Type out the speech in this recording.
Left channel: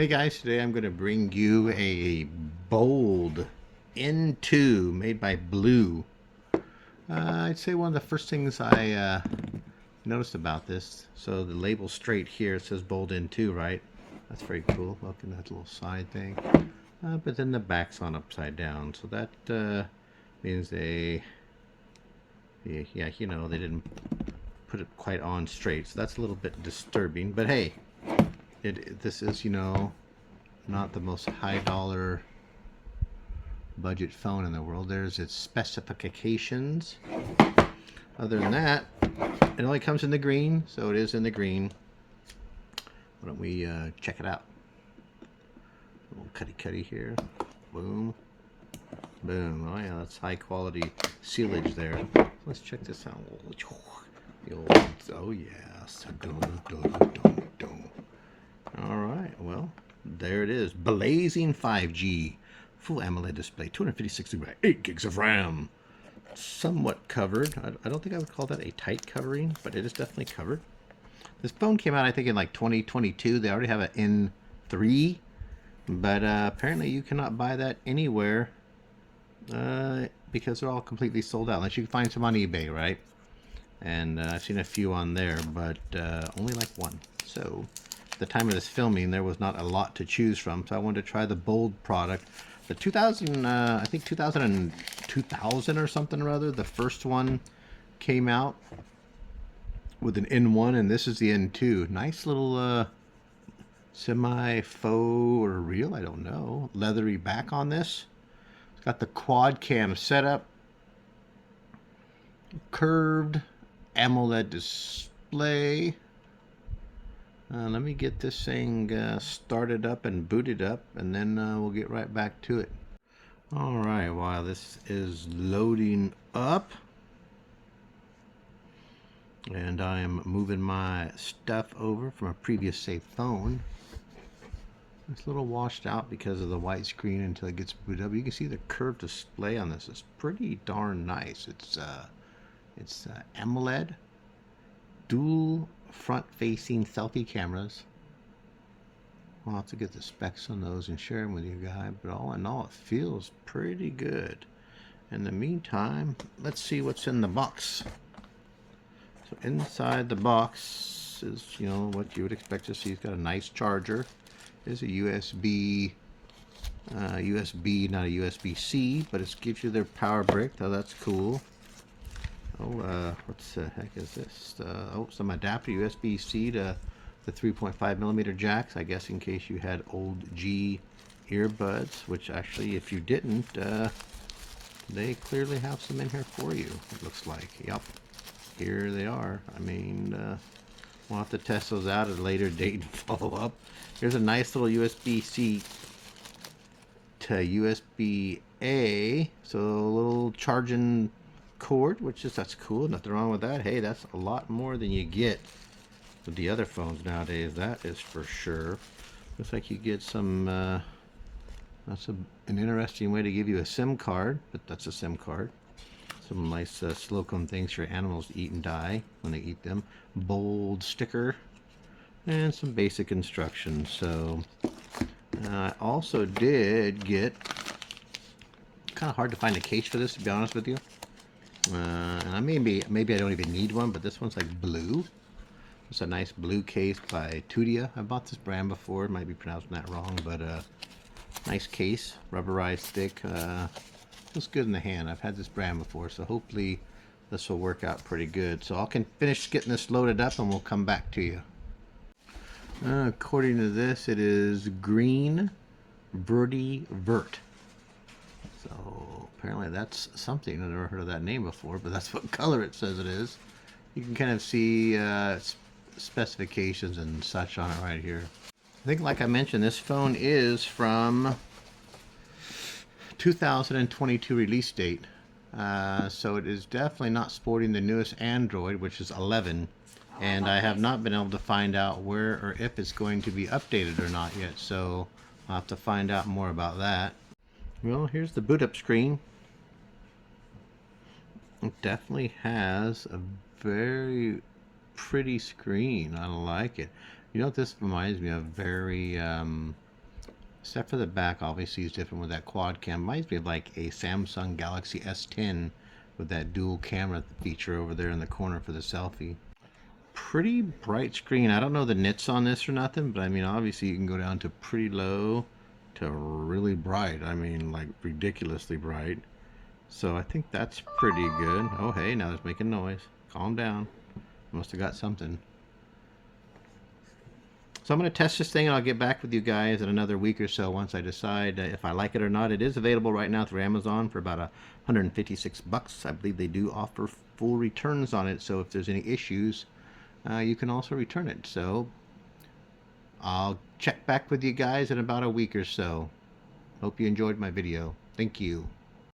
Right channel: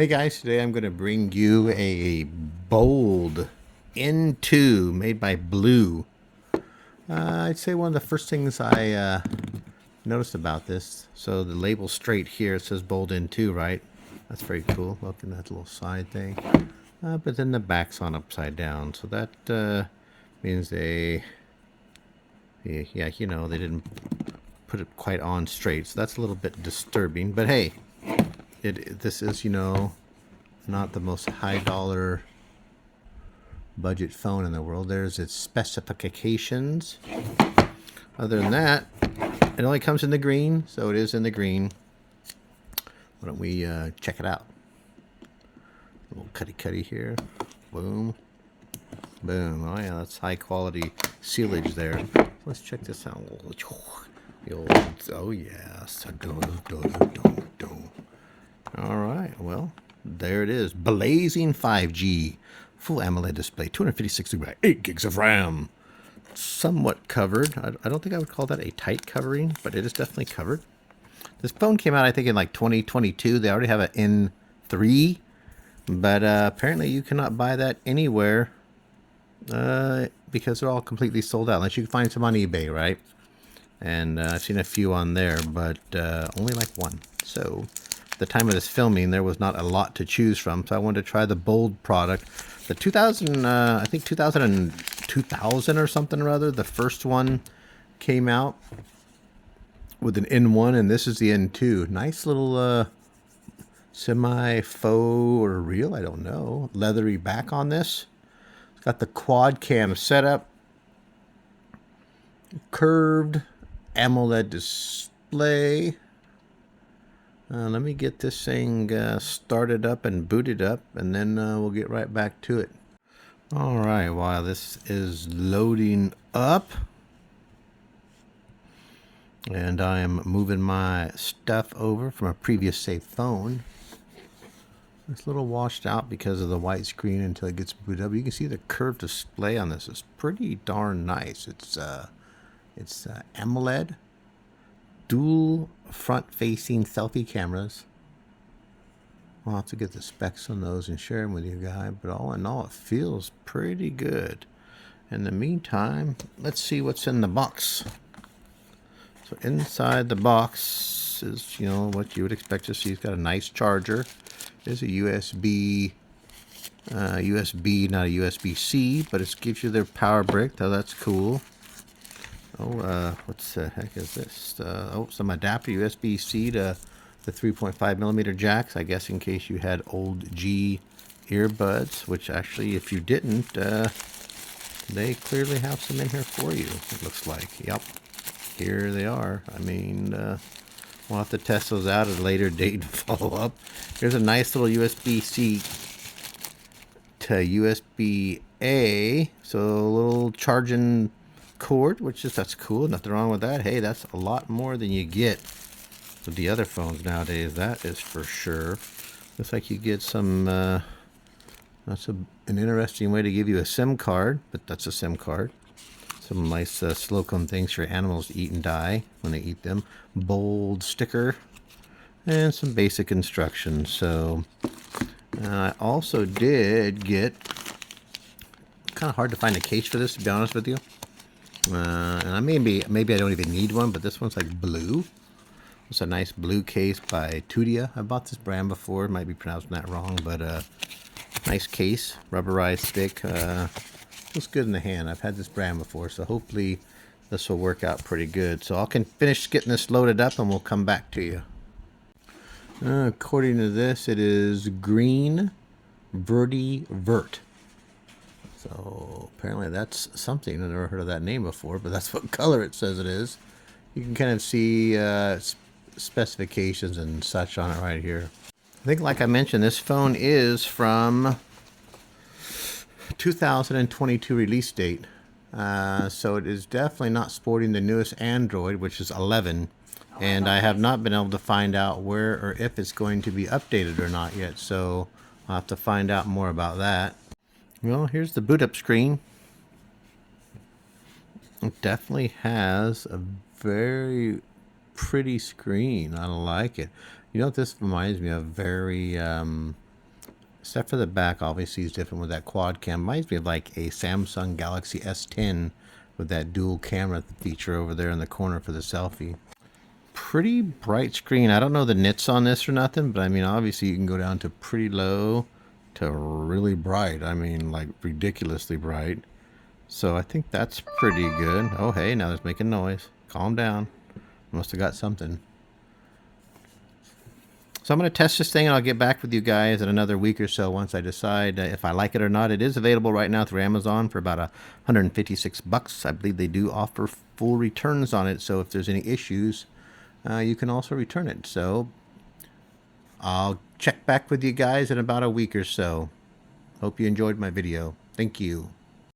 Hey guys, today I'm going to bring you a Bold N2 made by Blue. I'd say one of the first things I noticed about this, so the label's straight here, it says Bold N2, right? That's very cool. Look at that little side thing. But then the back's on upside down, so that means yeah, you know, they didn't put it quite on straight, so that's a little bit disturbing. But hey, this is, you know, not the most high dollar budget phone in the world. There's its specifications. Other than that, it only comes in the green, so it is in the green. Why don't we check it out? A little cutty here. Boom. Boom. Oh yeah, that's high quality sealage there. Let's check this out. Oh yes. Alright, well, there it is. Blazing 5G. Full AMOLED display. 256 by 8 gigs of RAM. Somewhat covered. I don't think I would call that a tight covering, but it is definitely covered. This phone came out, I think, in like 2022. They already have an N3, but apparently you cannot buy that anywhere because they're all completely sold out, unless you can find some on eBay, right? And I've seen a few on there, but only like one. So at the time of this filming, there was not a lot to choose from, so I wanted to try the Bold product. The 2000, I think 2000 or something or other, the first one came out with an N1, and this is the N2. Nice little semi-faux or real, I don't know, leathery back on this. It's got the quad cam setup, curved AMOLED display. Let me get this thing started up and booted up, and then we'll get right back to it. Alright, while this is loading up, and I am moving my stuff over from a previous saved phone. It's a little washed out because of the white screen until it gets booted up. You can see the curved display on this is pretty darn nice. It's AMOLED, dual front-facing selfie cameras. I'll have to get the specs on those and share them with you guys, but all in all, it feels pretty good. In the meantime, let's see what's in the box. So inside the box is, you know, what you would expect to see. It's got a nice charger. There's a USB, not a USB-C, but it gives you their power brick. Oh, that's cool. Oh, what the heck is this? Oh, some adapter USB-C to the 3.5 millimeter jacks, I guess in case you had old G earbuds, which actually, if you didn't, they clearly have some in here for you, it looks like. Yep, here they are. I mean, we'll have to test those out at a later date and follow up. Here's a nice little USB-C to USB-A, so a little charging cord, which is, that's cool, nothing wrong with that. Hey, that's a lot more than you get with the other phones nowadays, that is for sure. Looks like you get some that's an interesting way to give you a SIM card, but that's a SIM card. Some nice silicone things for animals to eat and die when they eat them. Bold sticker and some basic instructions. So I also did get, kind of hard to find a case for this, to be honest with you. And I maybe I don't even need one, but this one's like blue. It's a nice blue case by Tudia. I bought this brand before. Might be pronouncing that wrong, but nice case, rubberized thick. Looks good in the hand. I've had this brand before, so hopefully this will work out pretty good. So I can finish getting this loaded up, and we'll come back to you. According to this, it is Green Verdi Vert. So apparently that's something. I've never heard of that name before, but that's what color it says it is. You can kind of see specifications and such on it right here. I think, like I mentioned, this phone is from 2022 release date. So it is definitely not sporting the newest Android, which is 11. And I have not been able to find out where or if it's going to be updated or not yet. So I'll have to find out more about that. Well, here's the boot up screen. It definitely has a very pretty screen. I like it. You know what this reminds me of? Very Except for the back, obviously, is different with that quad cam. Reminds me of like a Samsung Galaxy S10 with that dual camera feature over there in the corner for the selfie. Pretty bright screen. I don't know the nits on this or nothing, but I mean, obviously, you can go down to pretty low to really bright. I mean, like ridiculously bright. So I think that's pretty good. Oh, hey, now it's making noise. Calm down. Must have got something. So I'm going to test this thing and I'll get back with you guys in another week or so once I decide if I like it or not. It is available right now through Amazon for about $156. I believe they do offer full returns on it. So if there's any issues, you can also return it. So I'll check back with you guys in about a week or so. Hope you enjoyed my video. Thank you.